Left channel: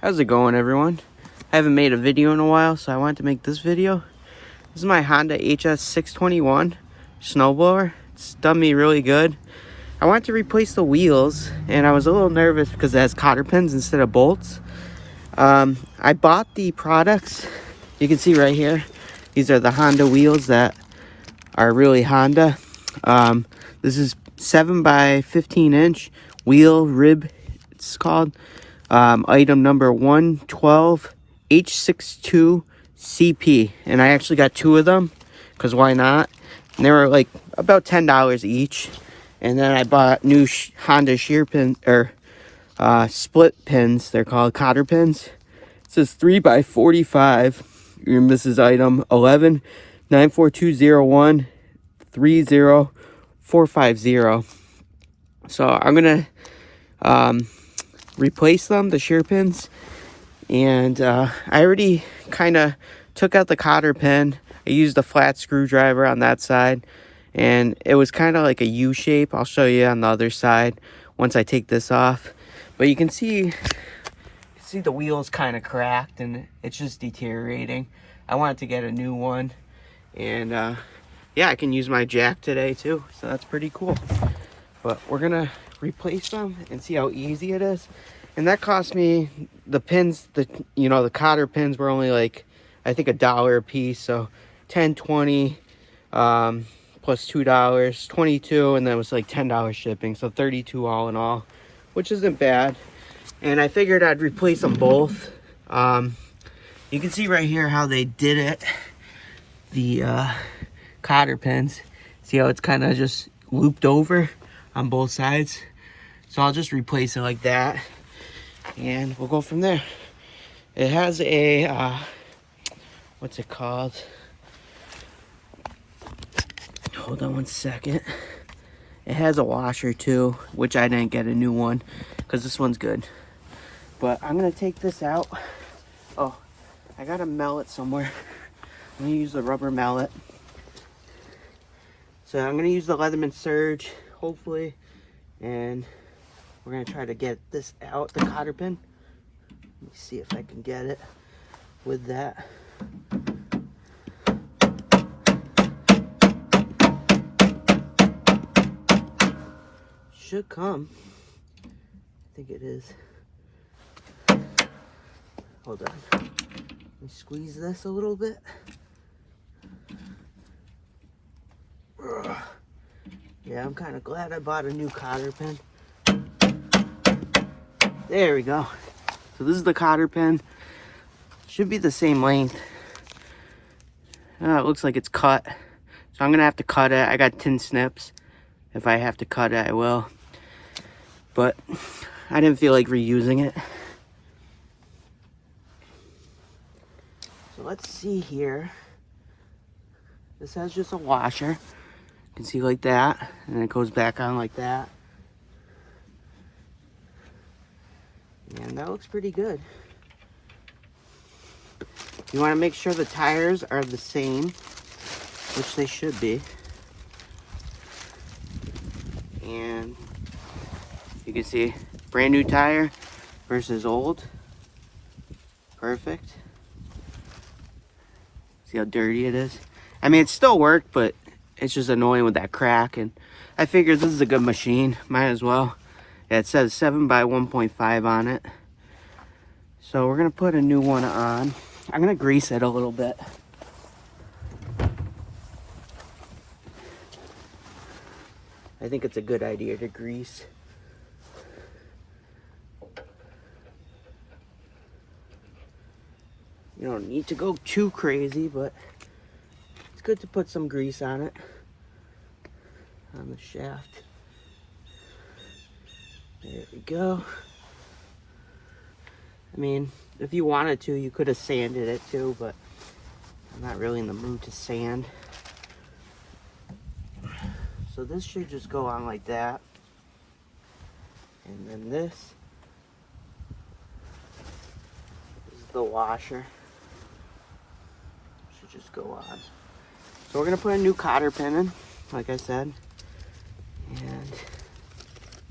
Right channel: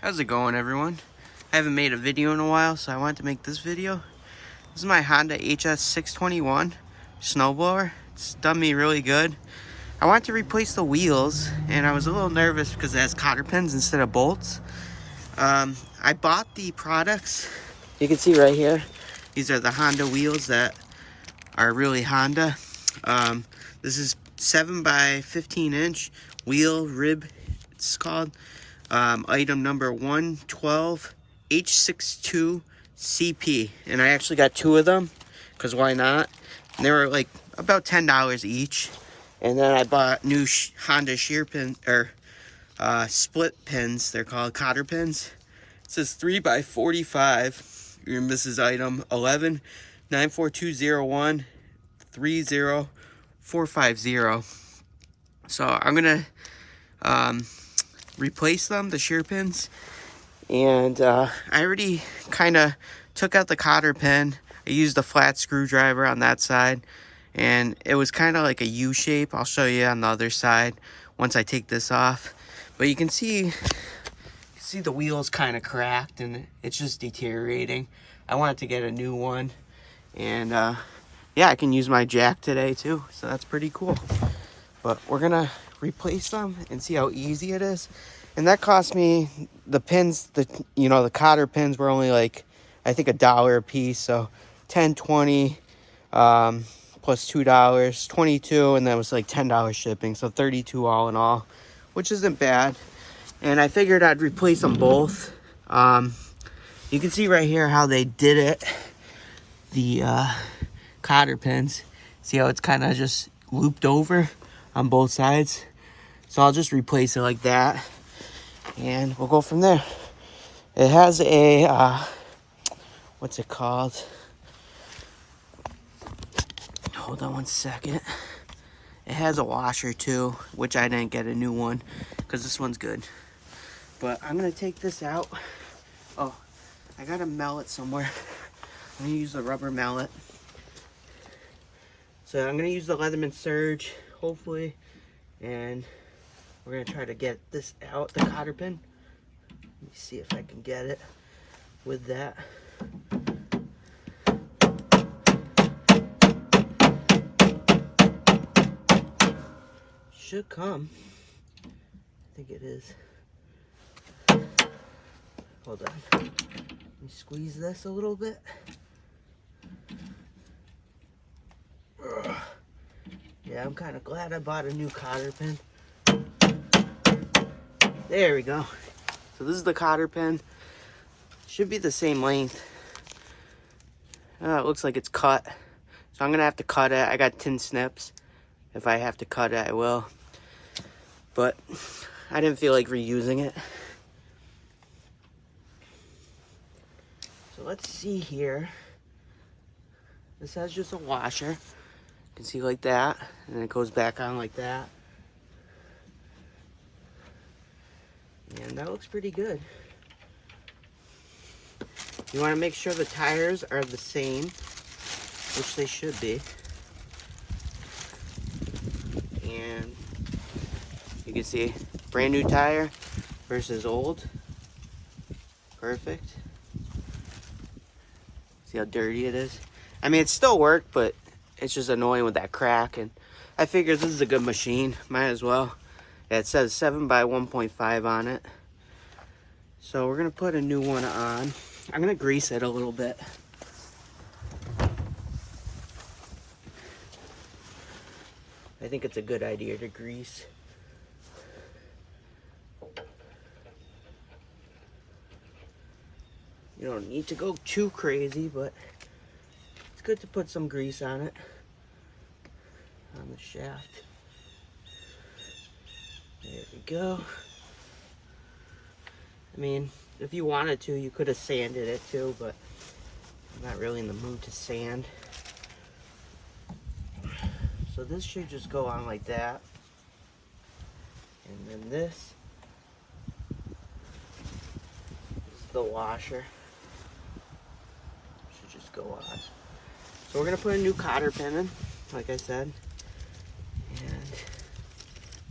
How's it going, everyone? I haven't made a video in a while, so I wanted to make this video. This is my Honda HS621 snowblower. It's done me really good. I wanted to replace the wheels, and I was a little nervous because it has cotter pins instead of bolts. I bought the products. You can see right here. These are the Honda wheels that are really Honda. This is 7 by 15 inch wheel rib, it's called. Item number 112 H62 CP, and I actually got 2 of them because why not? And they were like about $10 each. And then I bought new Honda shear pin or split pins. They're called cotter pins. It says 3 by 45, and this is item 11 94201 30450. So I'm gonna replace them, the shear pins, and I already kind of took out the cotter pin. I used a flat screwdriver on that side, and it was kind of like a U shape. I'll show you on the other side once I take this off. But you can see the wheels kind of cracked, and it's just deteriorating. I wanted to get a new one, and yeah, I can use my jack today too, so that's pretty cool. But we're gonna replace them and see how easy it is. And that cost me, the pins, the cotter pins were only like, I think $1 a piece. So 10, 20, plus $2, 22, and then it was like $10 shipping. So 32 all in all, which isn't bad. And I figured I'd replace them both. You can see right here how they did it. The cotter pins. See how it's kind of just looped over on both sides. So I'll just replace it like that, and we'll go from there. It has a what's it called? Hold on one second. It has a washer too, which I didn't get a new one because this one's good. But I'm gonna take this out. Oh, I got a mallet somewhere. I'm gonna use the rubber mallet. So I'm gonna use the Leatherman Surge, hopefully, and we're gonna try to get this out, the cotter pin. Let me see if I can get it with that. Should come. I think it is. Hold on. Let me squeeze this a little bit. Ugh. Yeah, I'm kind of glad I bought a new cotter pin. There we go. So this is the cotter pin. Should be the same length. It looks like it's cut. So I'm going to have to cut it. I got tin snips. If I have to cut it, I will. But I didn't feel like reusing it. So let's see here. This has just a washer. You can see like that. And it goes back on like that. And that looks pretty good. You want to make sure the tires are the same, which they should be. And you can see brand new tire versus old. Perfect. See how dirty it is? I mean, it still worked, but it's just annoying with that crack. And I figured this is a good machine. Might as well. Yeah, it says 7 by 1.5 on it. So we're going to put a new one on. I'm going to grease it a little bit. I think it's a good idea to grease. You don't need to go too crazy, but it's good to put some grease on it. On the shaft. There we go. I mean, if you wanted to, you could have sanded it too, but I'm not really in the mood to sand. So this should just go on like that. And then this is the washer. Should just go on. So we're gonna put a new cotter pin in, like I said. And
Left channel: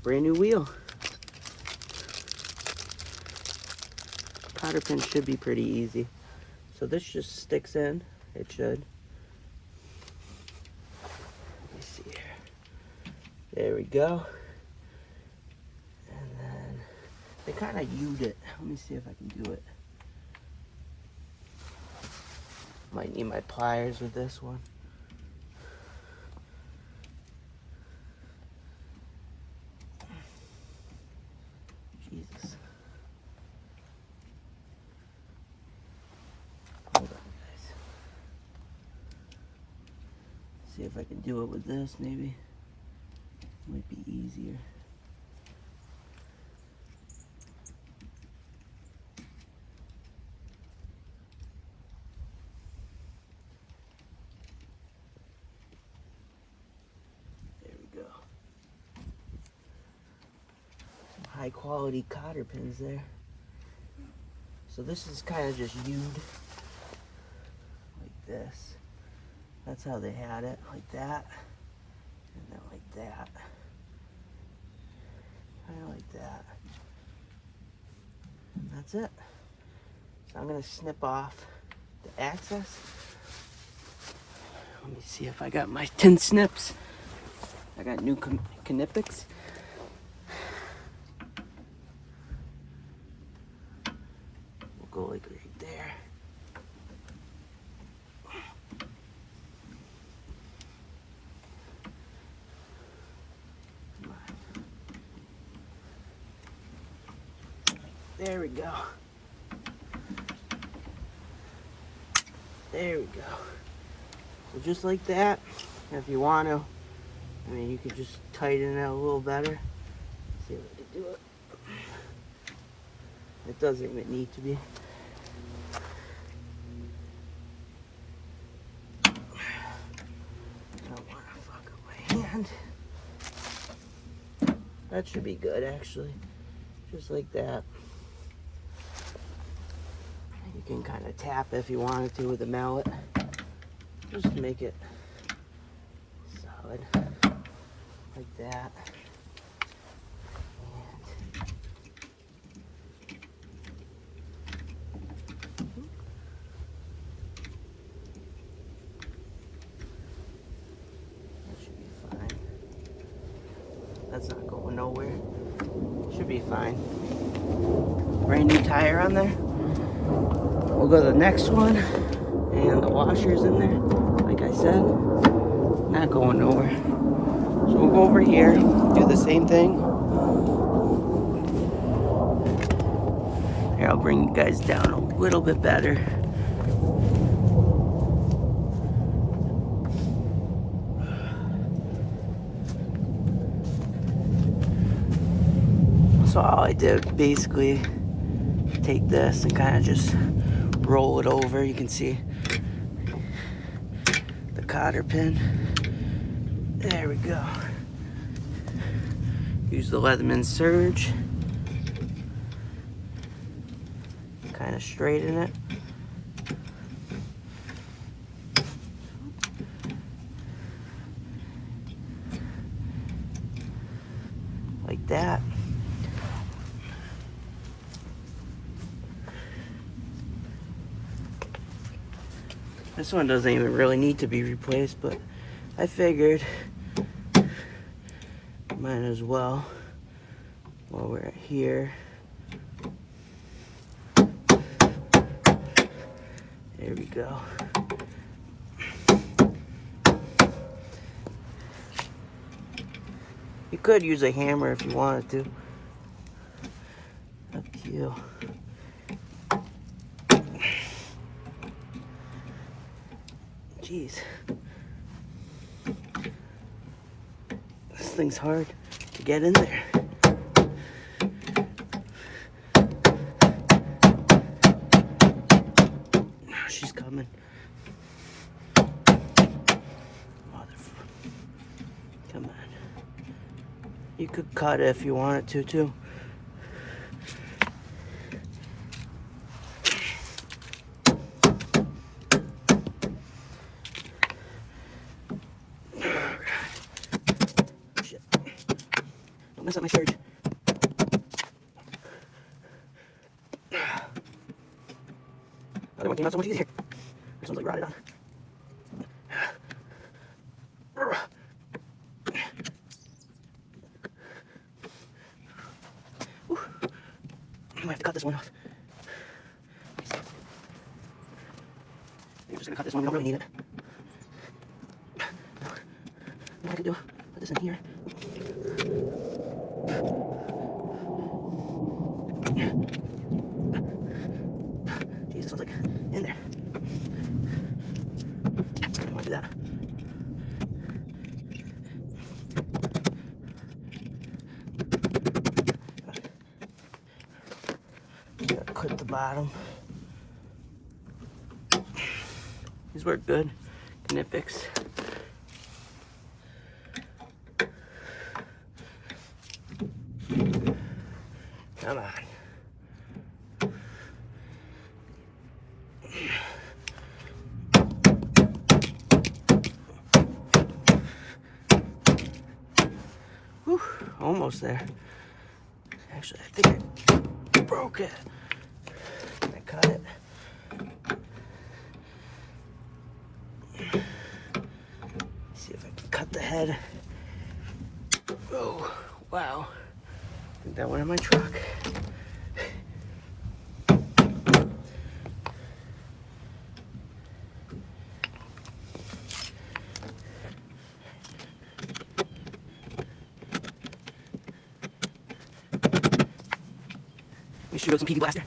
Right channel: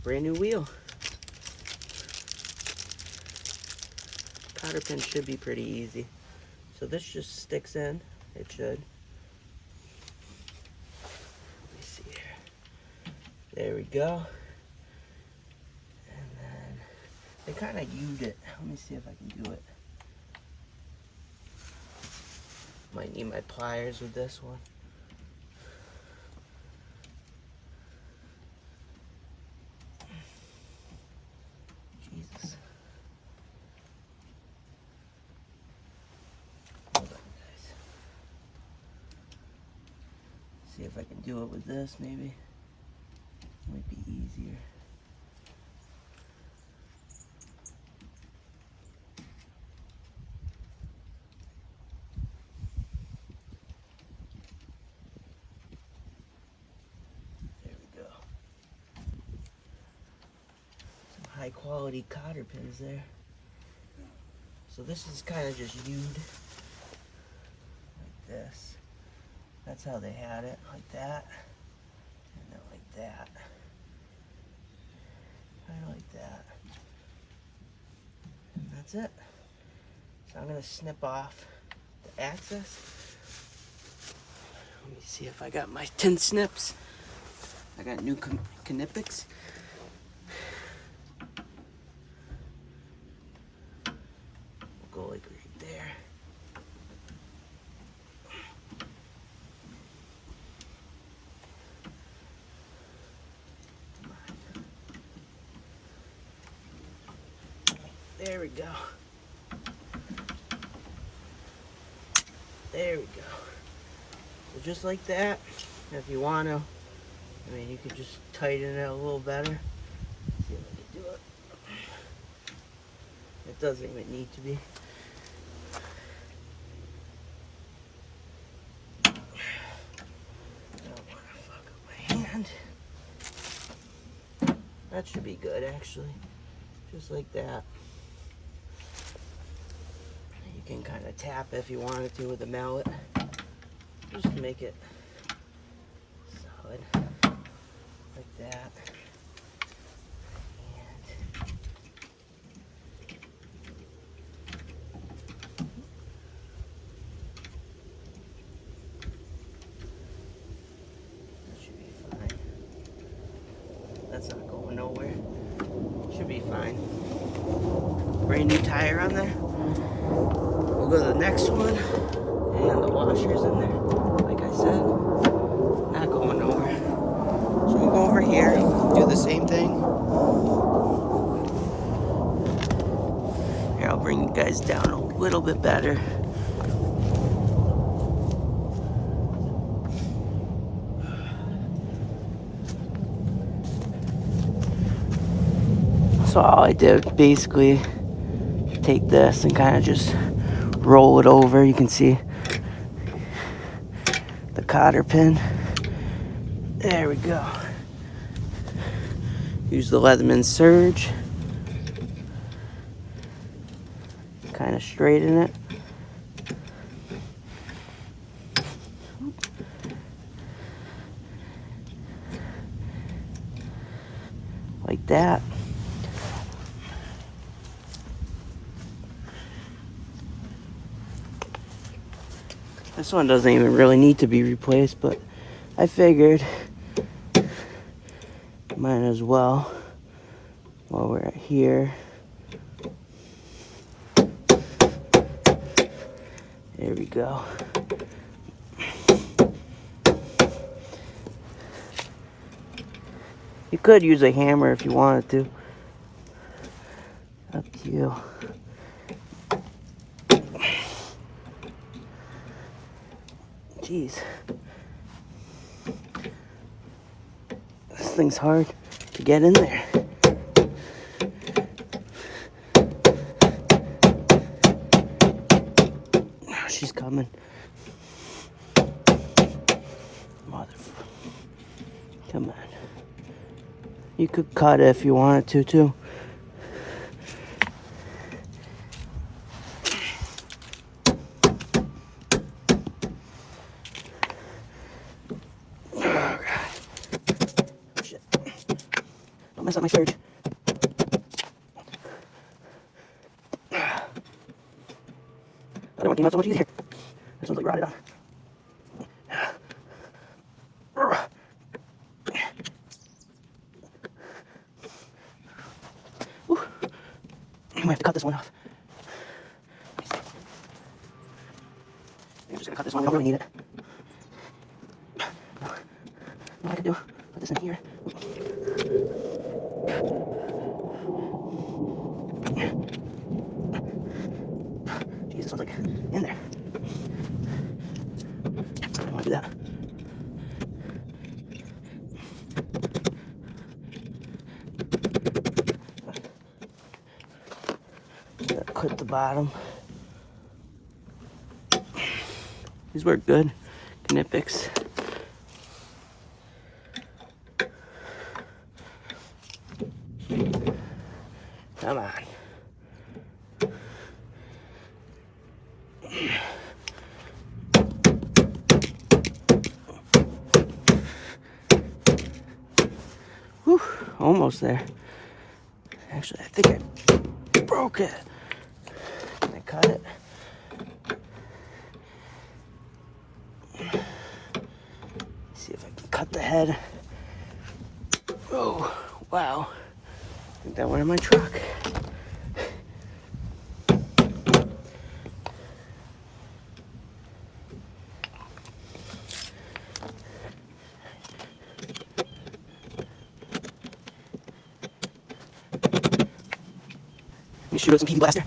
brand new wheel. cotter pin should be pretty easy. So this just sticks in, it should. Let me see here. There we go. And then they kind of U'd it. Let me see if I can do it. Might need my pliers with this one. Jesus. Hold on, guys. See if I can do it with this, maybe. Might be easier. There we go. Some high quality cotter pins there. So this is kind of just U'd like this. That's how they had it, like that, and then like that, kind of like that, and that's it. So I'm gonna snip off the axis. Let me see if I got my tin snips. I got new Knipex. We'll go like right there. There we go. There we go. So just like that, if you want to, I mean, you could just tighten it a little better. See if I can do it. It doesn't even need to be. I don't want to fuck up my hand. That should be good, actually. Just like that. You can kind of tap if you wanted to with a mallet, just to make it solid, like that. That should be fine. That's not going nowhere. Should be fine. Brand new tire on there. We'll go to the next one, and the washer's in there, like I said, not going nowhere. So we'll go over here, do the same thing. Here, I'll bring you guys down a little bit better. So all I did, basically, take this and kind of just roll it over. You can see the cotter pin. There we go. Use the Leatherman Surge. Kind of straighten it. Like that. This one doesn't even really need to be replaced, but I figured might as well while we're here. There we go. You could use a hammer if you wanted to. Up to you. Jeez. This thing's hard to get in there. She's coming. Come on. You could cut it if you wanted to, too. Don't mess up my surge. Other one came out so much easier. This one's like rotted on. Whew. I might have to cut this one off. I'm just gonna cut this one. We don't really need it. What I could do? Put this in here. Jesus, this one's like in there. I don't want to do that. Clip the bottom. These work good. Knipex. Come on. Whew, almost there. Actually, I think I broke it. Can I cut it? See if I can cut the head. Oh, wow. I think that went in my truck. Let me shoot out some PV blaster.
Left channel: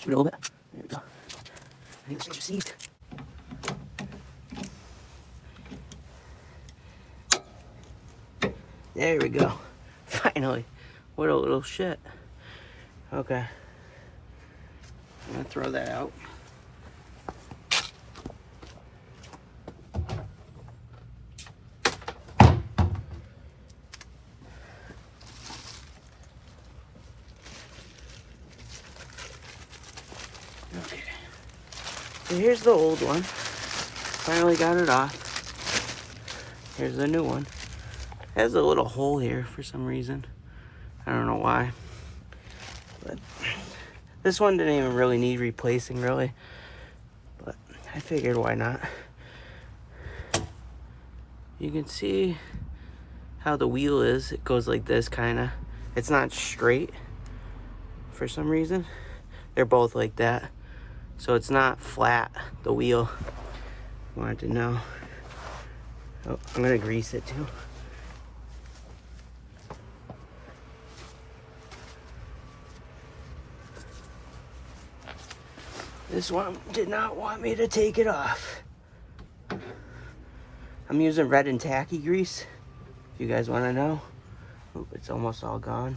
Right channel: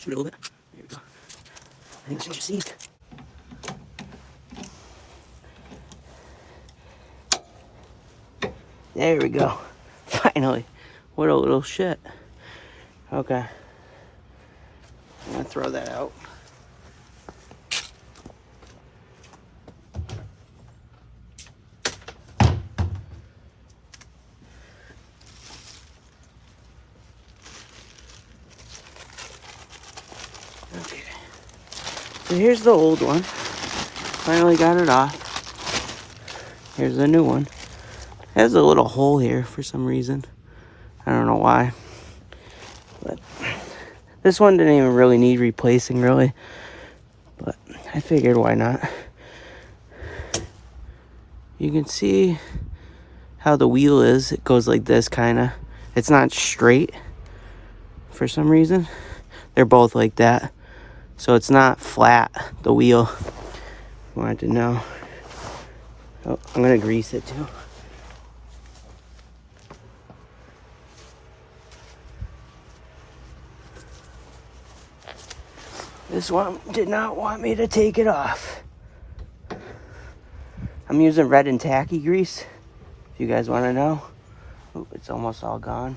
Shoot a little bit. There we go. I think this thing's received. There we go. Finally. What a little shit. Okay. I'm gonna throw that out. Okay. So here's the old one. Finally got it off. Here's the new one. It has a little hole here for some reason. I don't know why. But this one didn't even really need replacing, really. But I figured, why not? You can see how the wheel is. It goes like this, kind of. It's not straight for some reason. They're both like that. So it's not flat, the wheel. Wanted to know. Oh, I'm going to grease it too. This one did not want me to take it off. I'm using red and tacky grease, if you guys want to know. Oop, it's almost all gone.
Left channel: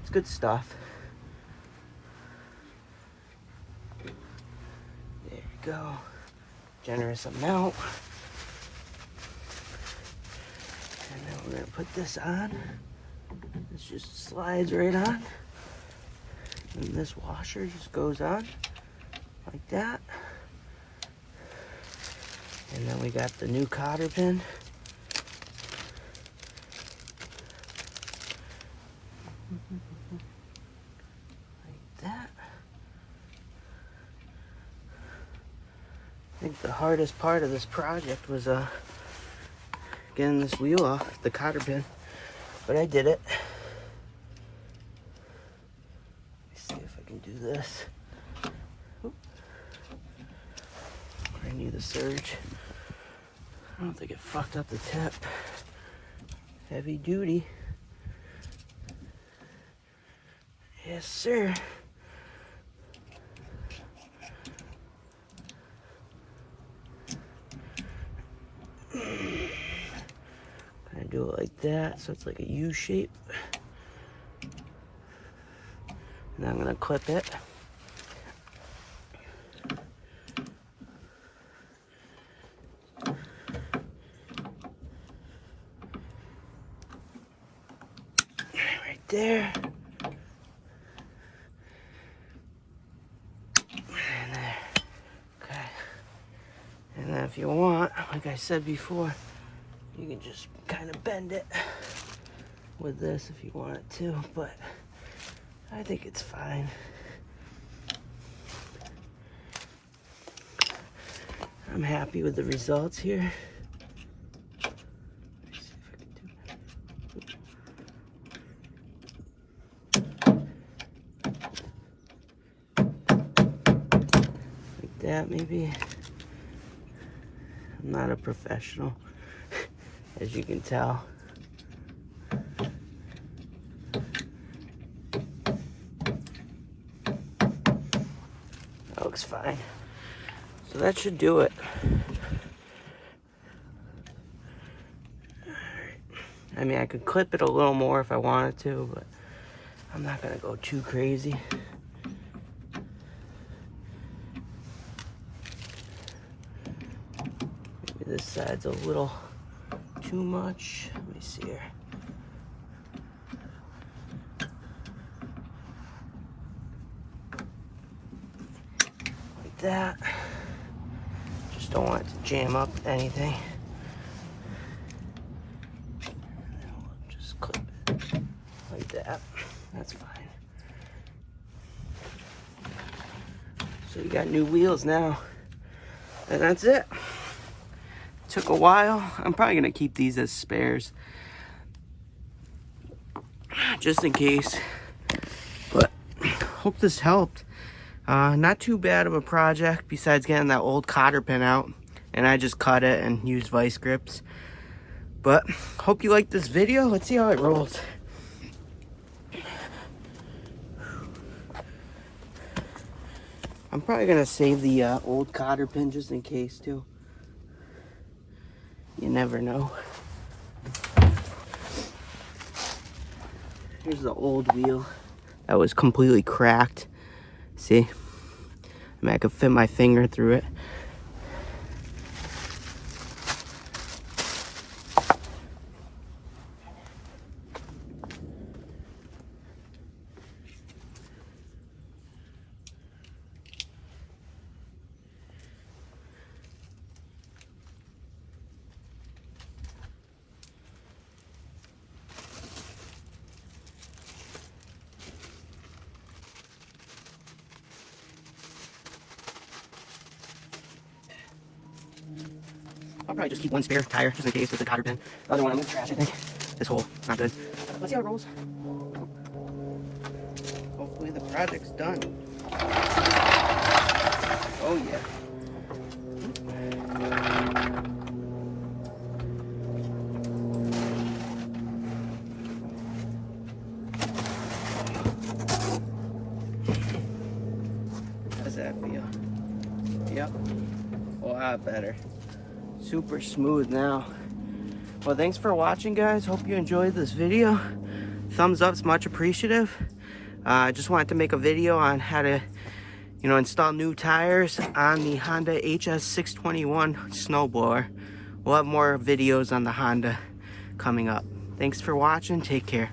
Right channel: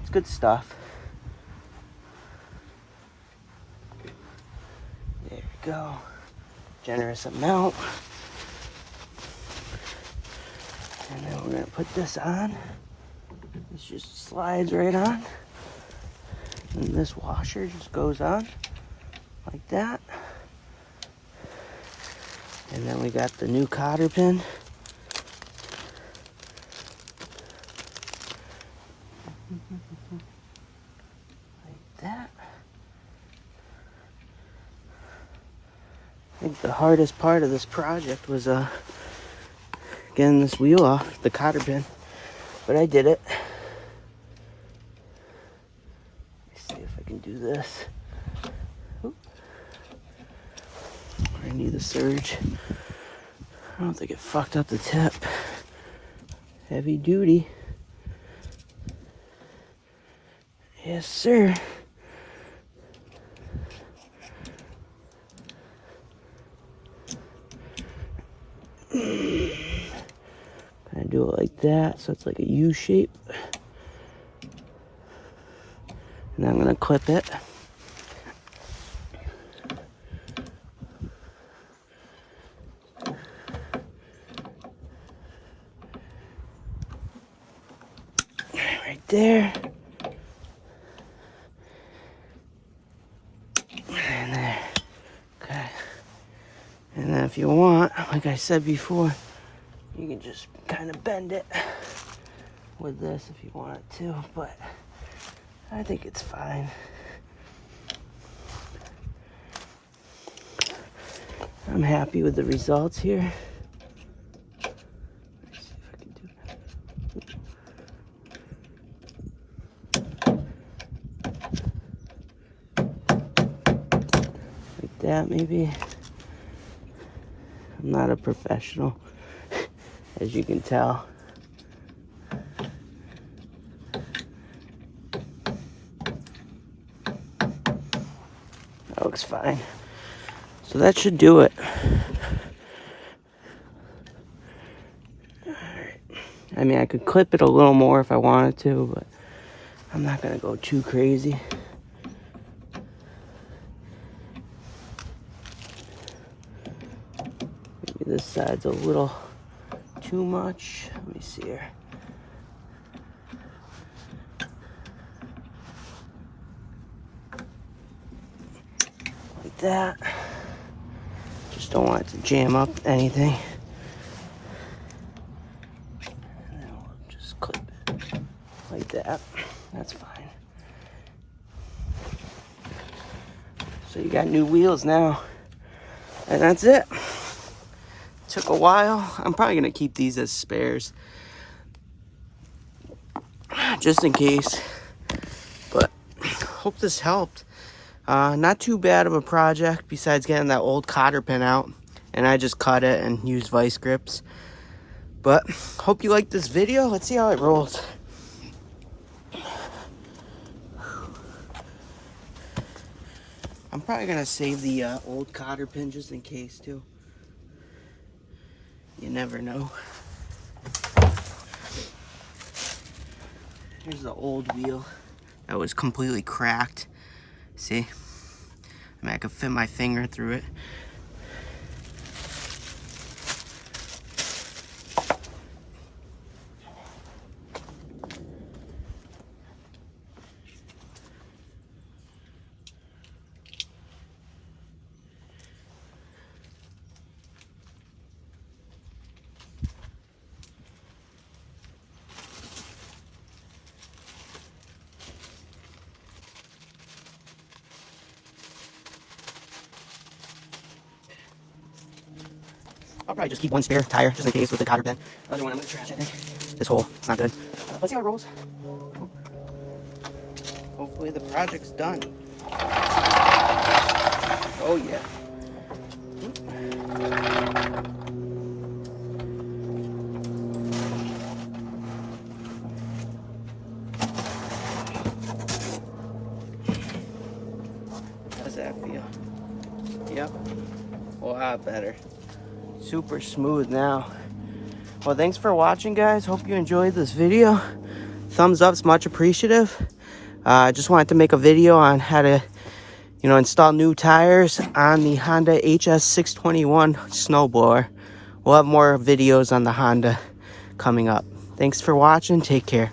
It's good stuff. There we go. Generous amount. And then we're going to put this on. This just slides right on. And this washer just goes on like that. And then we got the new cotter pin. Like that. I think the hardest part of this project was getting this wheel off, the cotter pin. But I did it. Let's see if I can do this. Oop. I need the surge. I don't think it fucked up the tip. Heavy duty. Yes, sir. Kind of do it like that, so it's like a U shape. And I'm gonna clip it. Right there. if you want, like I said before, you can just kind of bend it with this if you want it to, but I think it's fine. I'm happy with the results here. Let's see if I can do that. Like that, maybe. I'm not a professional, as you can tell. That looks fine. So that should do it. Alright. I mean, I could clip it a little more if I wanted to, but I'm not gonna go too crazy. Maybe this side's a little too much. Let me see here. Like that. Just don't want it to jam up anything. And then we'll just clip it like that. That's fine. So you got new wheels now. And that's it. Took a while. I'm probably gonna keep these as spares, just in case. But hope this helped. Not too bad of a project besides getting that old cotter pin out, and I just cut it and used vice grips. But hope you liked this video. Let's see how it rolls. I'm probably gonna save the old cotter pin just in case too. You never know. Here's the old wheel that was completely cracked. See? I mean, I could fit my finger through it. I'll probably just keep one spare tire just in case with the cotter pin. The other one I'm gonna trash, I think. This hole, it's not good. Let's see how it rolls. Hopefully the project's done. Oh yeah. How does that feel? Yep. A lot better. Super smooth now. Well, thanks for watching, guys. Hope you enjoyed this video. Thumbs up's much appreciative. I just wanted to make a video on how to, install new tires on the Honda HS621 snowblower. We'll have more videos on the Honda coming up. Thanks for watching. Take care.